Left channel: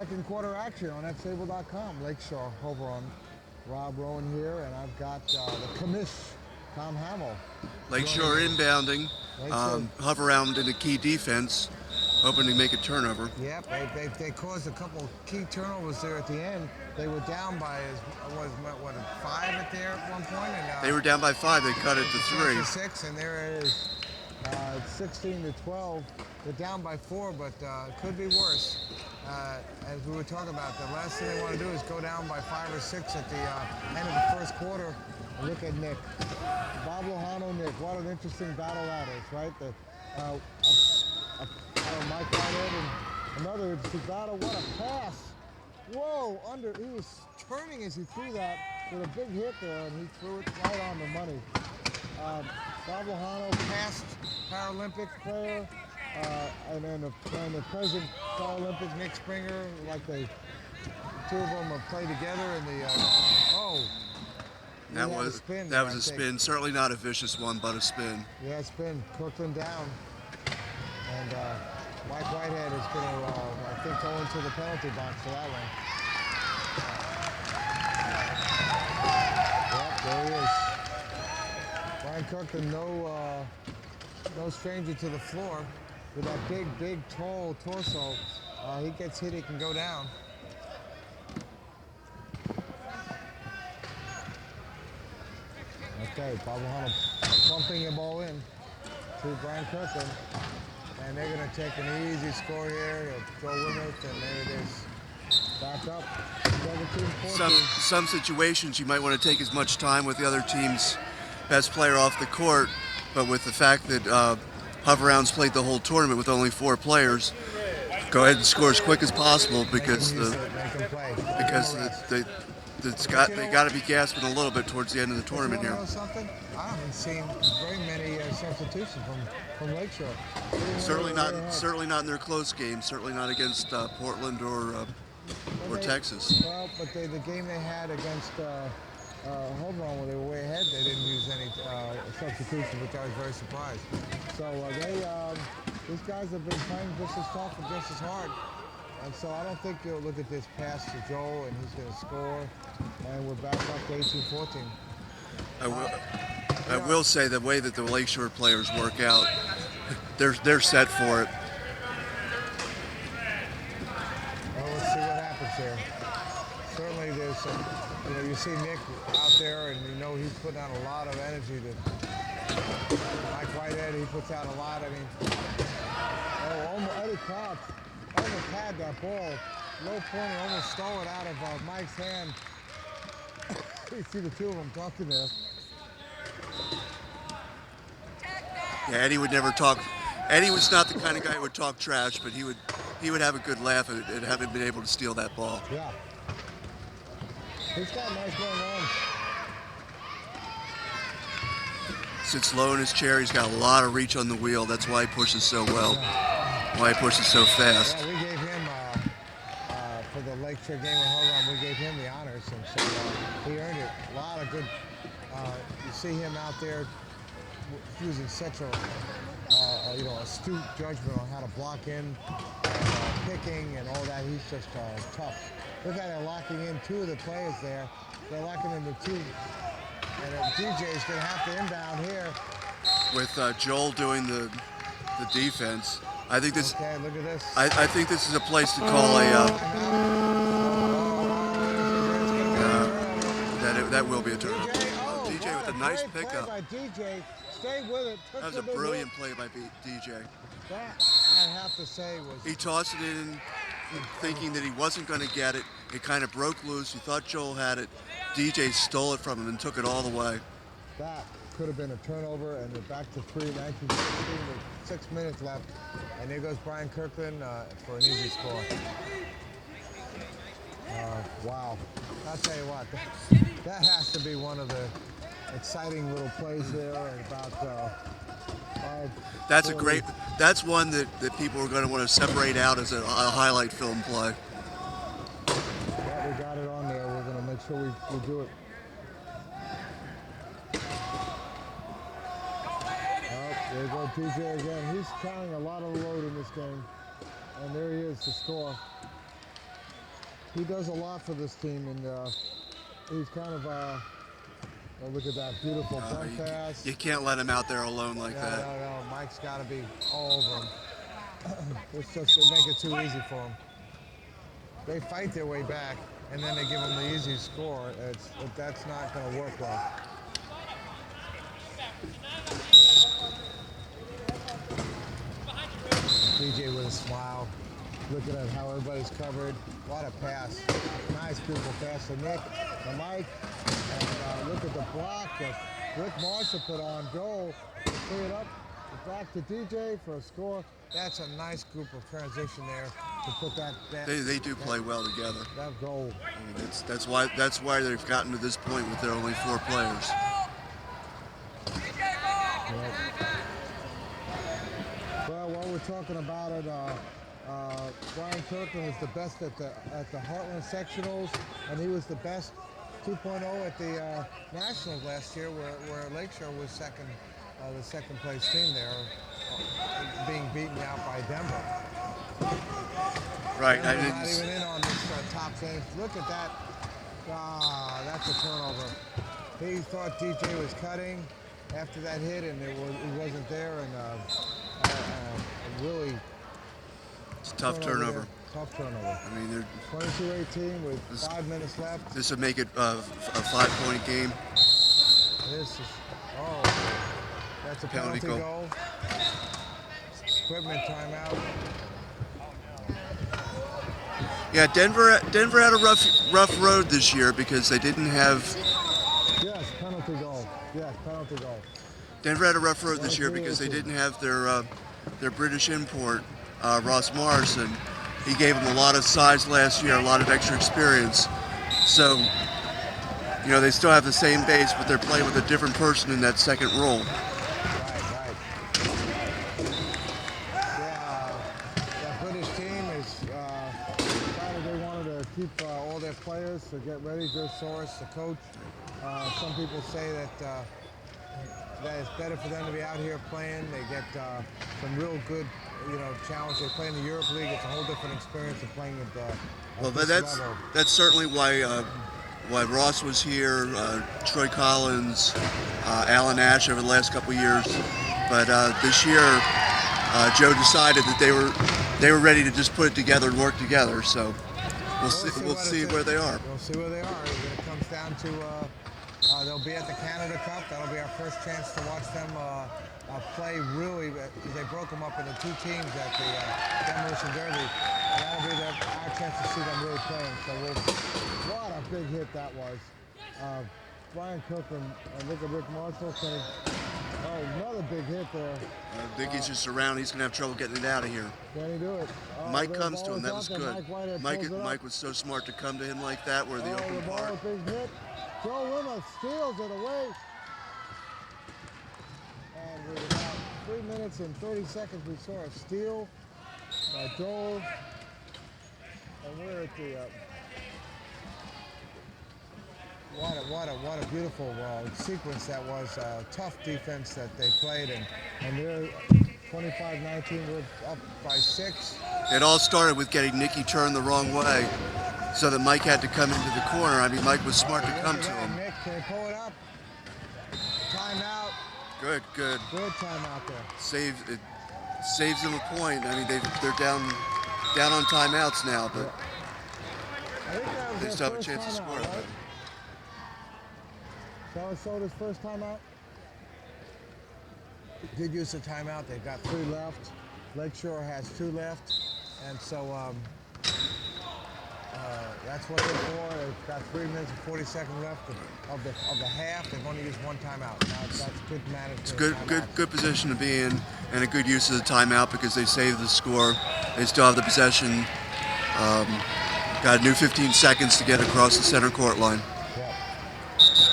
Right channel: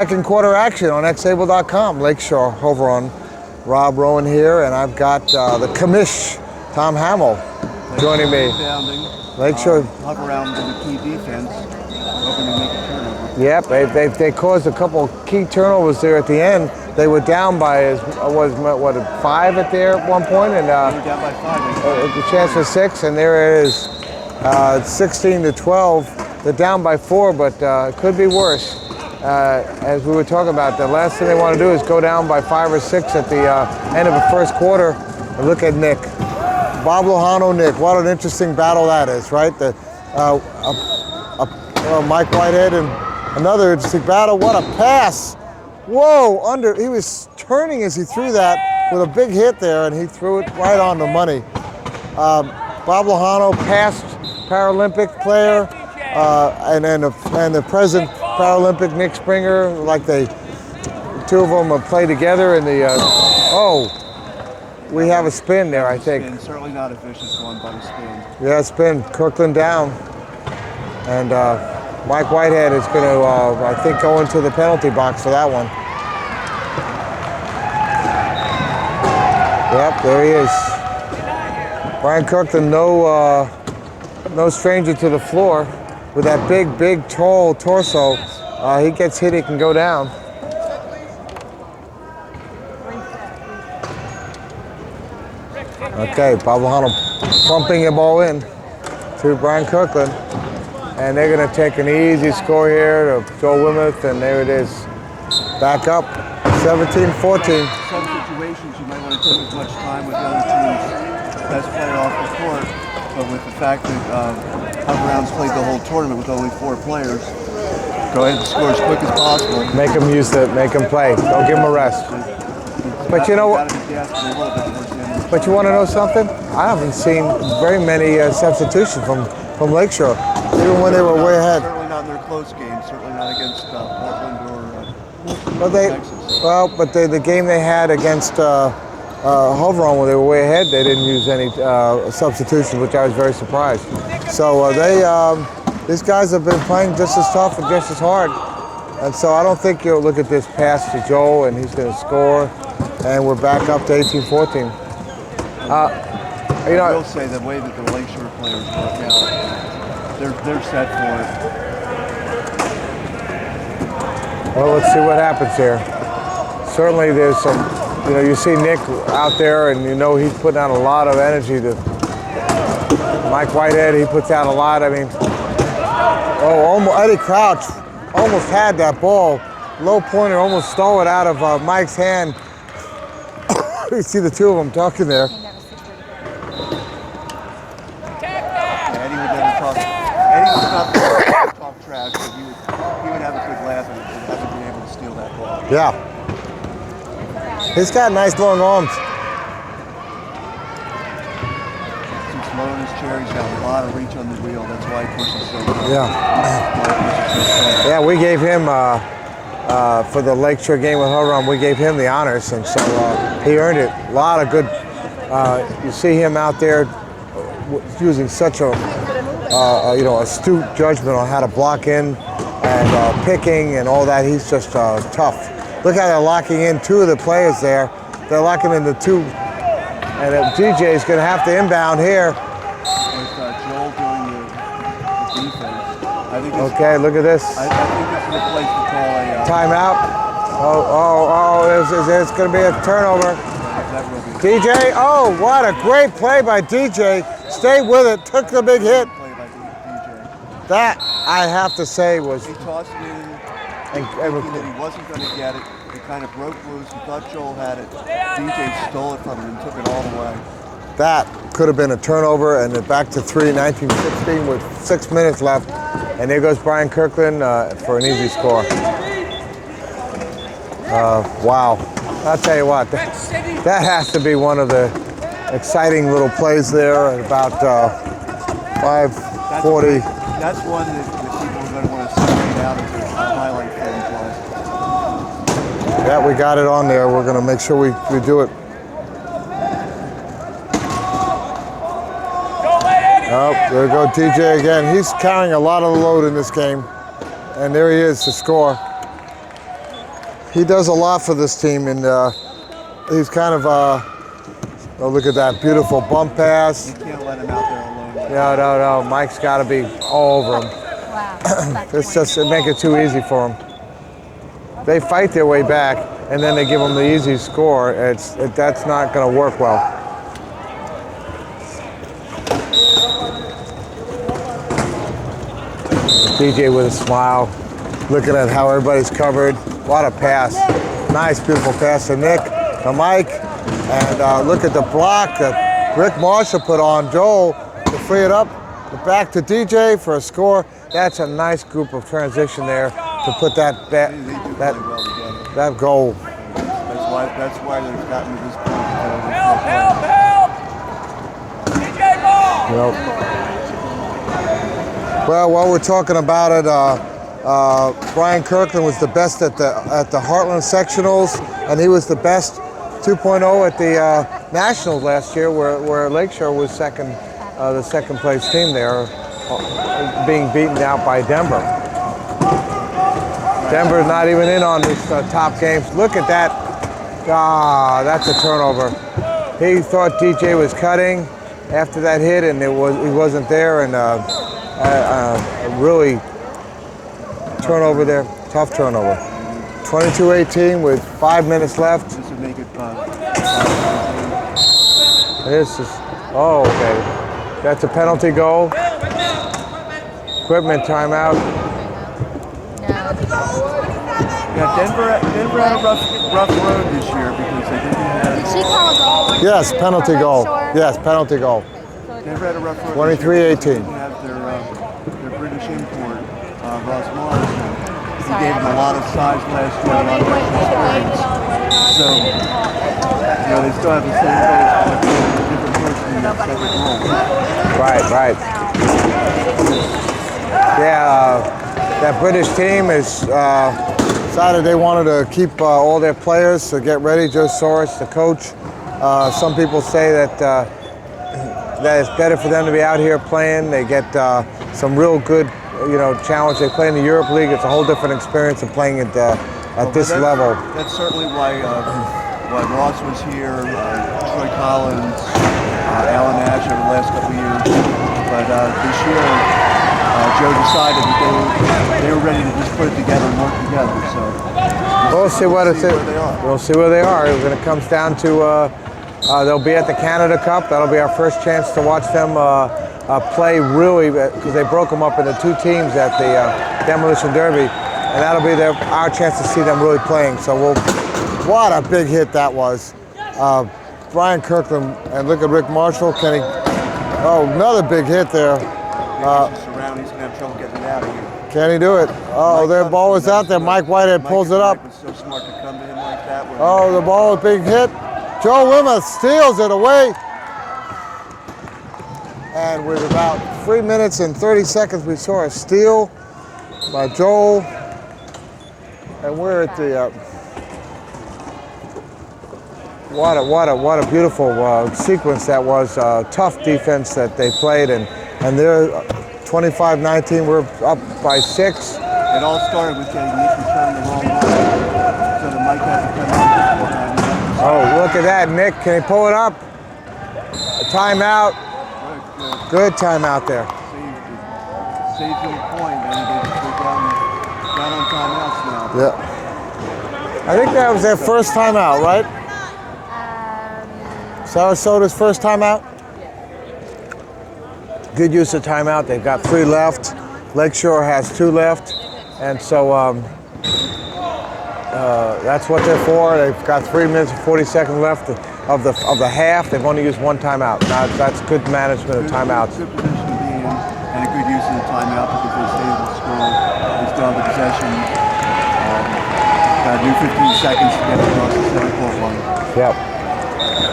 Second quarter action on xable.com. Lakeshore over on Rob Rowan here, and I've got the commish, Tom Hamill, joining me. Lakeshore hover around in the key defense, hoping to make a turnover. Yep, they caused a couple key turnovers there at the end. They were down by 5 at one point, and they were down by 5. The chance for 6, and there it is, 16-12. They're down by 4, but it could be worse. As we were talking about, the last thing they want to do is go down by 5 or 6 at the end of the first quarter. And look at Nick. Bob Lojano, Nick. What an interesting battle that is, right? Mike Whitehead and another interesting battle. What a pass. Whoa, he was turning as he threw that with a big hit there, and he threw it right on the money. Bob Lojano, past Paralympic player, and the present Paralympic Nick Springer, like the two of them play together in the, we have a spin there, I think. Spin, certainly not a vicious one, but a spin. Yeah, spin, Kirkland down. And Mike Whitehead is going to, I think, go into the penalty box for that one. Yep, there he is. Brian Kirkland, no stranger to the floor. With that big, tall torso, he gets hit, he can go down. Okay, Bob Lojano pumping the ball in to Brian Kirkland. And they're going to take an easy score here to Joel Wimmuth, and there it is. Back up, 17-14. Some situations you might want to take as much time with the other team's best player off the court, but with the fact that Hover Rounds played the whole tournament with only 4 players, go ahead and score as quick as possible. Make them use it, make them play. Don't give them a rest. But you know what? But you want to know something? I haven't seen very many substitutions from Lakeshore, even when they were way ahead. Certainly not in their close games. Certainly not against Portland or Texas. But the game they had against Hover on, when they were way ahead, they didn't use any substitutions, which I was very surprised. So these guys have been playing just as tough and just as hard. And so I don't think you'll look at this pass to Joel and he's going to score, and we're back up to 18-14. I will say the way that the Lakeshore players work out, they're set for it. Well, let's see what happens here. Certainly there's some, you see Nick out there, and he's putting out a lot of energy. Mike Whitehead, he puts out a lot. I mean, Eddie Crouch almost had that ball. Low pointer almost stole it out of Mike's hand. You see the two of them talking there. Eddie would never talk. Eddie was not the guy to talk trash, but he would have a good laugh at having been able to steal that ball. Yeah. He's got nice long arms. Since low in his chair, he's got a lot of reach on the wheel. That's why he pushes so well. Yeah. Why he pushes so fast. Yeah, we gave him, for the Lakeshore game with Hover, we gave him the honors, and so he earned it. A lot of good, you see him out there using such a, astute judgment on how to block in and picking and all that. He's just tough. Look how they're locking in 2 of the players there. They're locking in the 2. And DJ is going to have to inbound here. With Joel doing the defense, I think this. Okay, look at this. I think this is a place to call a timeout. There's going to be a turnover. That will be a DJ, what a great play by DJ. Stayed with it, took the big hit. play by DJ. That, I have to say, was... He tossed it in, thinking that he wasn't going to get it. It kind of broke loose. He thought Joel had it. DJ stole it from him and took it all the way. That could have been a turnover, and back to 3, 19-16 with 6 minutes left. And there goes Brian Kirkland for an easy score. Wow. I'll tell you what, that has to be one of the exciting little plays there at about 5:40. That's one that people are going to want to separate out as a highlight film play. Yeah, we got it on there. We're going to make sure we do it. Oh, there we go, DJ again. He's carrying a lot of the load in this game. And there he is to score. he does a lot for this team, and he's kind of, oh, look at that beautiful bump pass. You can't let him out there alone. Like No. Mike's got to be all over him. Wow. It's just it make it too easy for him. They fight their way back, and then they give them the easy score. That's not going to work well. DJ with a smile, looking at how everybody's covered. What a pass. Nice, beautiful pass to Nick, to Mike. And look at the block that Rick Marshall put on Joel to free it up. Back to DJ for a score. That's a nice group of transition there to put that they do play well together. that goal. That's why they've gotten to this point. Well, while we're talking about it, Brian Kirkland was the best at the Heartland sectionals, and he was the best 2.0 at the Nationals last year, where Lakeshore was second, the second place team there, being beaten out by Denver. Denver's not even in on these top games. Look at that. That's a turnover. He thought DJ was cutting after that hit, and he wasn't there, and really turnover there. Tough turnover. 22-18 with 5 minutes left. This would make it 5-point game. This is, oh, okay. That's a penalty goal. Equipment timeout. Yeah, Denver had a rough road this year because they didn't have. Yes, penalty goal. Yes, penalty goal. Denver had a rough road this year because 23-18. they didn't have their British import, Ross Morrison. He gave them a lot of size last year, a lot of extra experience. So, they still have the same base, but they're playing with a different person in that second role. Right. Yeah, that British team is decided they wanted to keep all their players to get ready. Joe Soros, the coach. Some people say that it's better for them to be out here playing. They get some real good, challenge. They play in the Europe League. It's a whole different experience of playing at this level. That's certainly why Ross was here, Troy Collins, Alan Ash over the last couple of years. But this year, Joe decided that they were ready to just put it together and work together. So we'll see where they are. We'll see where they are. When it comes down to, they'll be at the Canada Cup. That'll be our first chance to watch them play really, because they broke them up into two teams at the Demolition Derby, and that'll be our chance to see them really playing. So what a big hit that was. Brian Kirkland, and look at Rick Marshall. Another big hit there. He's just around. He's going to have trouble getting it out of here. Can he do it? Oh, their ball was out there. Mike Whitehead pulls it up. Mike was so smart to come to him like that. Oh, the ball was big hit. Joe Wimmer steals it away. And with about 3 minutes and 30 seconds, we saw a steal by Joel. And we're at the, what a beautiful sequence that was. Tough defense that they played, and they're 25-19. We're up by 6. It all started with getting Nicky turned the wrong way, so that Mike had to come into the corner. I mean, Mike was look at that, Nick. Can he pull it up? A timeout. Right, good timeout there. Saves them a point. I mean, they're down on timeouts now. Yeah. I think that was their first timeout, right? Sarasota's first timeout? Good use of timeout. They've got 3 left. Lakeshore has 2 left. And so that's what they're for. They've got 3 minutes and 40 seconds left of the half. They've only used 1 timeout. Now, that's good management of timeouts. Good position to be in, and a good use of the timeout because they save the score. They still have the possession. Got a new 15 seconds to get across the center court line. Yep.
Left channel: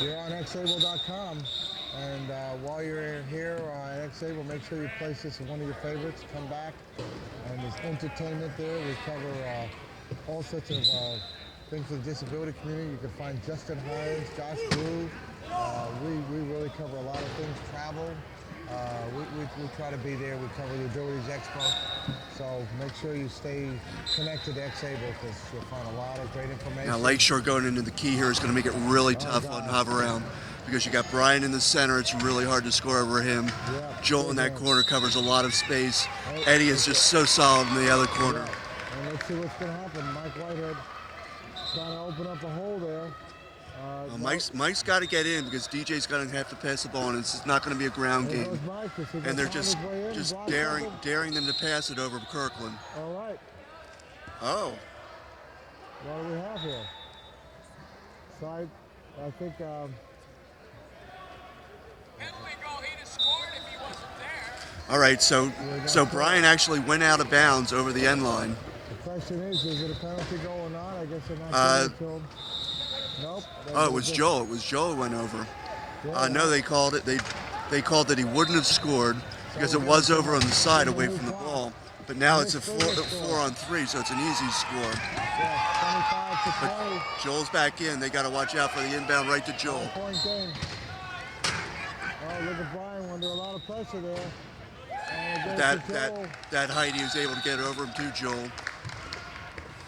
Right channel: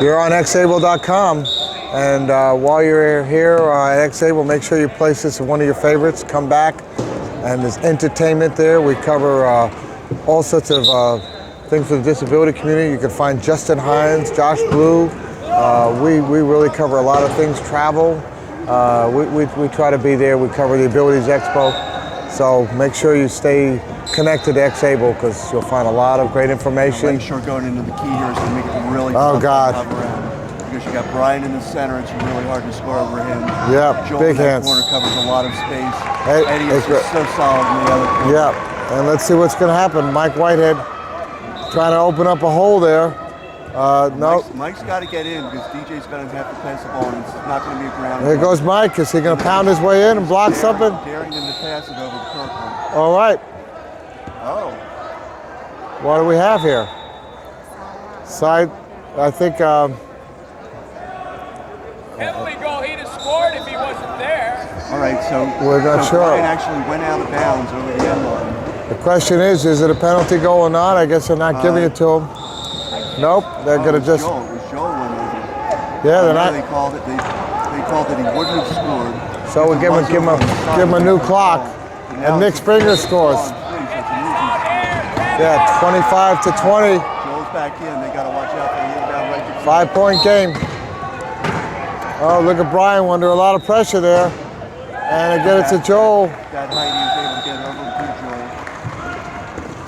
You're on xable.com, and while you're here at Xable, make sure you place this as one of your favorites. Come back, and there's entertainment there. We cover all sorts of things for the disability community. You can find Justin Hines, Josh Blue. We really cover a lot of things. Travel. We try to be there. We cover the Abilities Expo. So make sure you stay connected to X-Able because you'll find a lot of great information. Lakeshore going into the key here is going to make it really Oh, tough God. to cover around. Because you got Brian in the center, it's really hard to score over him. Yep, Joel big in that hands. corner covers a lot of space. Hey, Eddie is just so solid in the other corner. Yep, and let's see what's going to happen. Mike Whitehead trying to open up a hole there. No. Mike's got to get in because DJ's going to have to pass the ball, and it's not going to be a ground. Here goes Mike. Is he going to pound his way in and block something? Daring them to pass it over to Kirkland. All right. Oh. What do we have here? Side, I think. Definitely goal. He'd have scored if he wasn't there. All right, so sure. Brian actually went out of bounds over the end line. The question is it a penalty goal or not? I guess they're not giving it to him. Nope, they're going to just. It was Joel went over. Yeah, they're not. They called it. They called that he wouldn't have scored. So we give him a new clock. And Nick Springer scores. So it's an easy score. Yeah, 25 to 20. Joel's back in. They got to watch out for the inbound right to Joel. 5-point game. Oh, look at Brian under a lot of pressure there. And again, it's to Joel. That height, he was able to get over to Joel.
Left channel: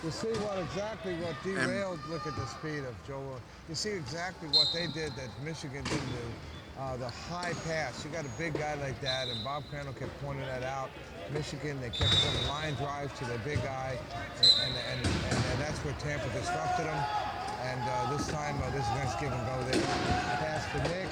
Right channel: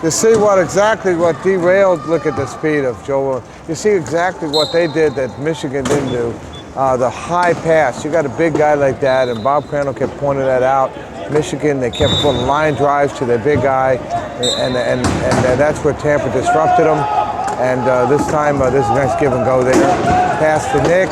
You see exactly what derailed, look at the speed of Joel. You see exactly what they did that Michigan didn't do. The high pass. You got a big guy like that, and Bob Crandall kept pointing that out. Michigan, they kept putting line drives to their big guy, and that's where Tampa disrupted them. And this time, there's a nice give and go there. Pass to Nick.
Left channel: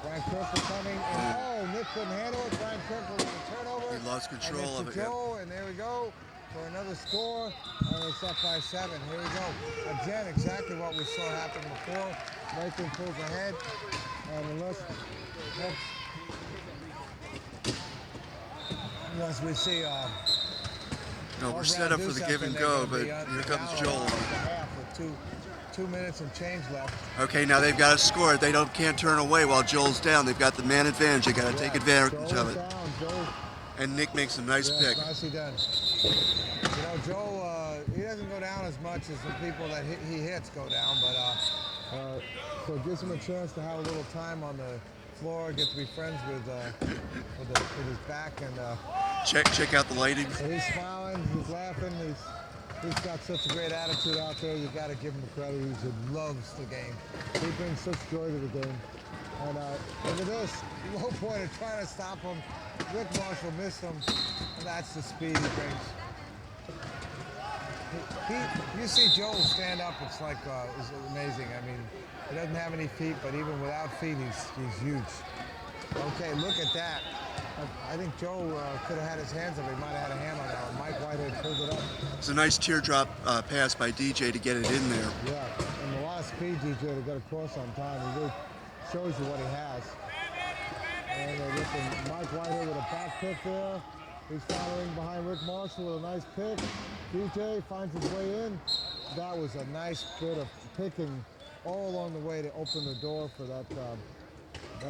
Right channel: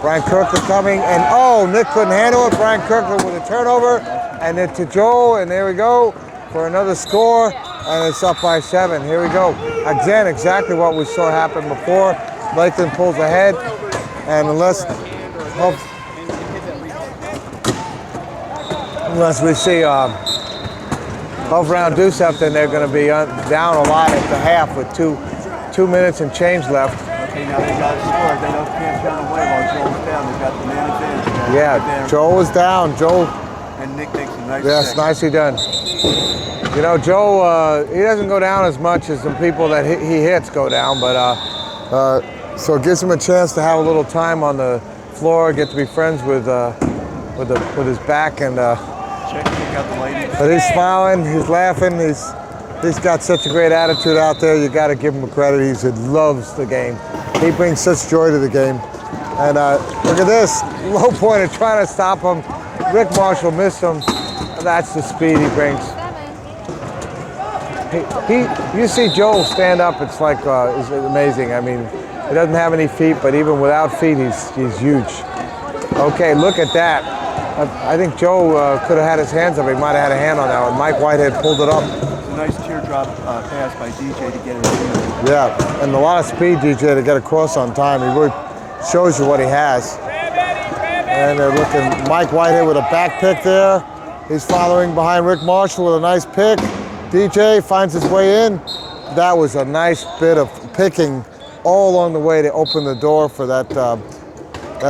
Brian Kirkland coming, and Nick couldn't handle it. Brian Kirkland with a turnover, and then to Joel, and there we go for another score, and it's up by 7. Here we go. Again, exactly what we saw happen before. Lakeland pulls ahead, and unless we see Huff Brown do something, they're going to be down a lot at the half with 2 minutes and change left. Okay, now they've got to score. They can't turn away while Joel's down. They've got the man advantage. Yeah, Joel is down. Joel. And Nick makes a nice Yes, nicely done. You know, Joe, he doesn't go down as much as the people that he hits go down, but so it gives him a chance to have a little time on the floor, get to be friends with his back, and check out the lady. But he's smiling, he's laughing, he's got such a great attitude out there. You got to give him a credit. He loves the game. He brings such joy to the game. And look at this, low pointer trying to stop him. Rick Marshall missed him. That's the speed he brings. You see Joel stand up, it's like it's amazing. I mean, he doesn't have any feet, but even without feet, he's huge. Okay, look at that. I think Joe could have had his hands up. He might have had a hand on that one. Mike Whitehead pulled it up. It's a nice teardrop pass by DJ to get it in. Yeah, and a lot of speed, DJ, to get across on time. He really shows you what he has. And they're looking, Mike Whitehead with a back pick there. He's following behind Rick Marshall with a nice pick. DJ finds his way in. That was a nice bit of picking all along the way to open the door for that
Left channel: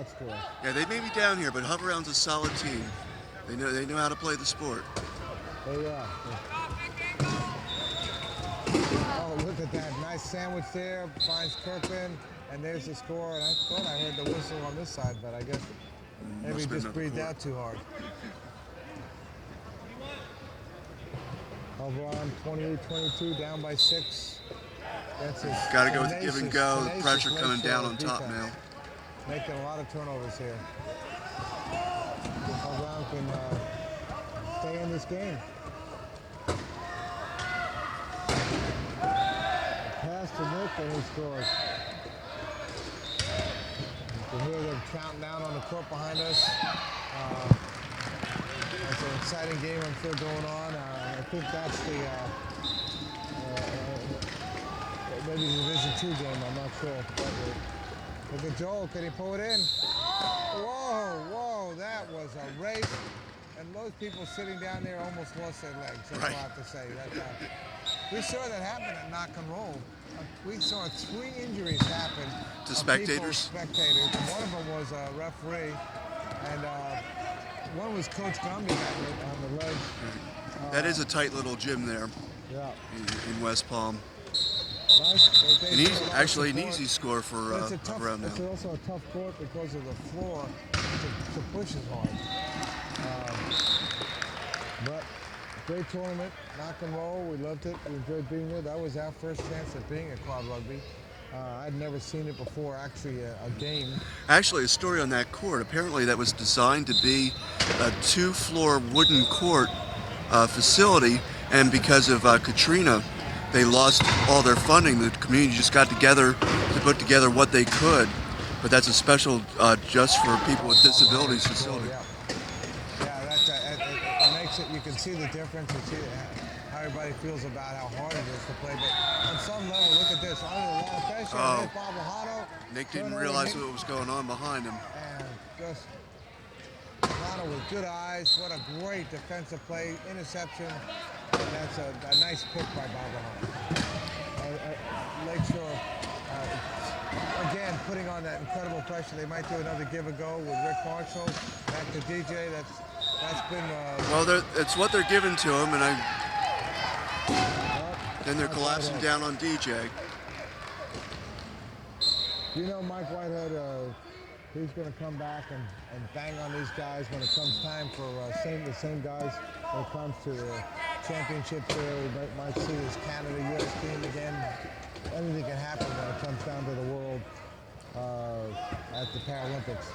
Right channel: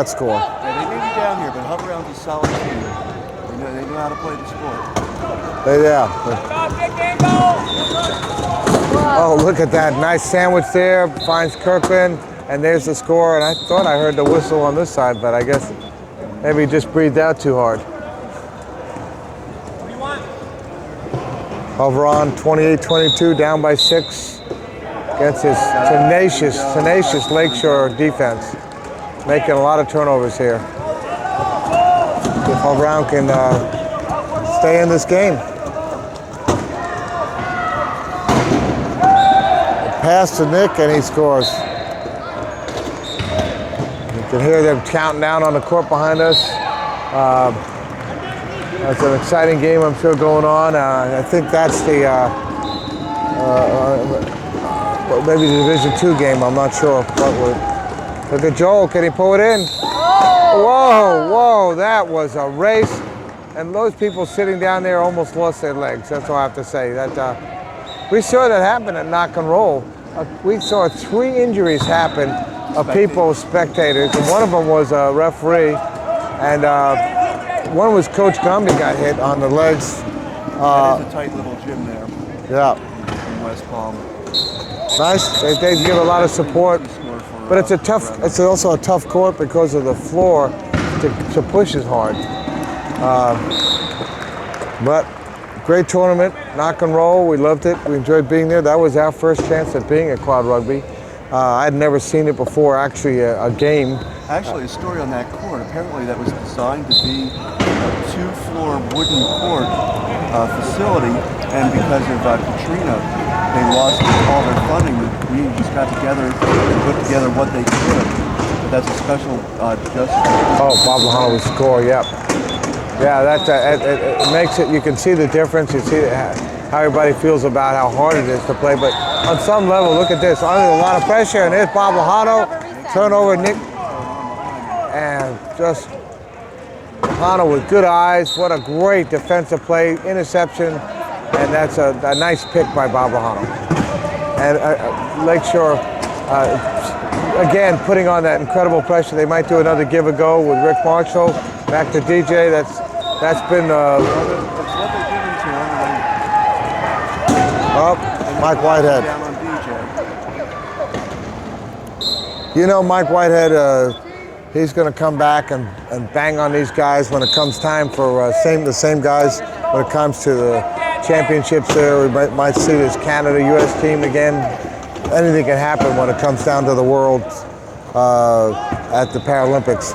score. Yeah, they may be down here, but Huff Brown's a solid team. They know how to play the sport. Yeah. Oh, look at that. Nice sandwich there. Finds Kirkland, and there's the score. And I thought I heard the whistle on this side, but I guess maybe he just breathed out too hard. Over on 28-22, down by 6 against his tenacious Lakeshore defense. Making a lot of turnovers here. If Huff Brown can stay in this game. Pass to Nick, and he scores. You can hear them counting down on the court behind us. It's an exciting game, I'm sure, going on. I think that's the maybe the Division II game. I'm not sure. Look at Joel. Can he pull it in? Whoa! That was a race, and those people sitting down there almost lost their legs. That's all I have to say. That we saw that happen at Knock and Roll. We saw 3 injuries happen of people, spectators, and one of them was a referee, and one was Coach Gumby got hit on the legs. That is a tight little gym there. Yeah. In West Palm. Nice. They give a lot of support, but it's a tough. It's also a tough court because of the floor to push as hard. But great tournament, knock and roll. We loved it. We enjoyed being there. That was our first chance at being at Quad Rugby. I'd never seen it before, actually, a game. Actually, a story on that court. Apparently, that was designed to be a 2-floor wooden court facility, and because of Katrina, they lost all their funding. The community just got together and put together what they could. But that's a special just for. Oh, Bob Lahano will score. Yep. Yeah, it makes it. You can see the difference. You see how everybody feels about how hard it is to play. But on some level, look at this. Under a lot of pressure, and there's Bob Lahano. Turnover, Nick, and just Lahano with good eyes. What a great defensive play, interception, and that's a nice pick by Bob Lahano. And Lakeshore, again, putting on that incredible pressure. They might do another give a go with Rick Marshall. Back to DJ. That's been. Well, that's what they're giving to him. Oh, Mike Whitehead. Down on DJ. You know, Mike Whitehead, he's going to come back and bang on these guys when it comes time for the same guys when it comes to the championships there. We might see this Canada-U.S. team again. Anything can happen when it comes down to the world at the Paralympics.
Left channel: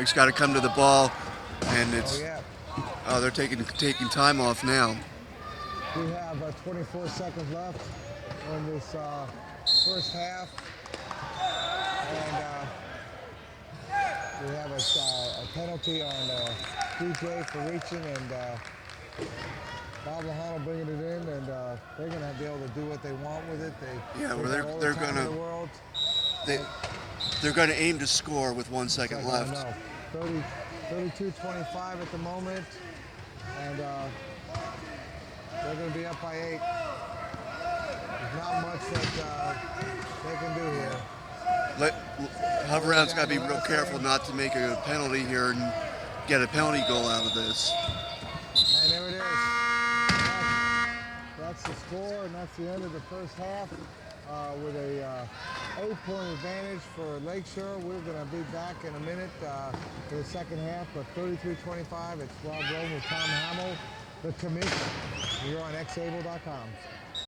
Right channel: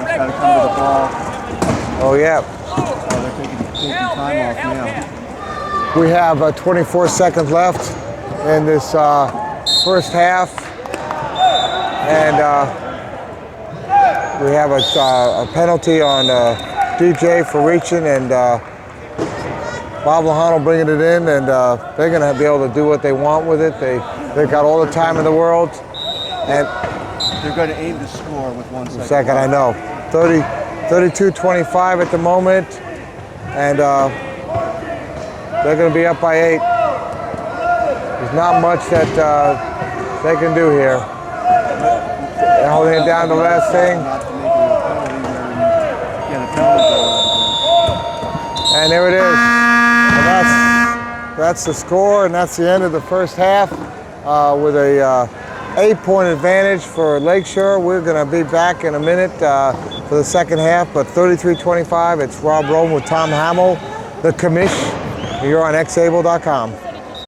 He's got to come to the ball. Oh, yeah. They're taking time off now. We have 24 seconds left in this first half. And we have a penalty on DJ for reaching, and Bob Lahano bringing it in, and they're going to be able to do what they want with it. They've got all the time in the world. And they're going to aim to score with 1 second. I know. 32-25 at the moment, and they're going to be up by 8. There's not much that they can do here. They're holding it down the last thing. Not to make a penalty here and get a penalty goal out of this. And there it is. And that's the score, and that's the end of the first half with a 8-point advantage for Lakeshore. We're going to be back in a minute for the second half, but 33-25, it's Rob Rome with Tom Hamill, the commish. You're on xable.com.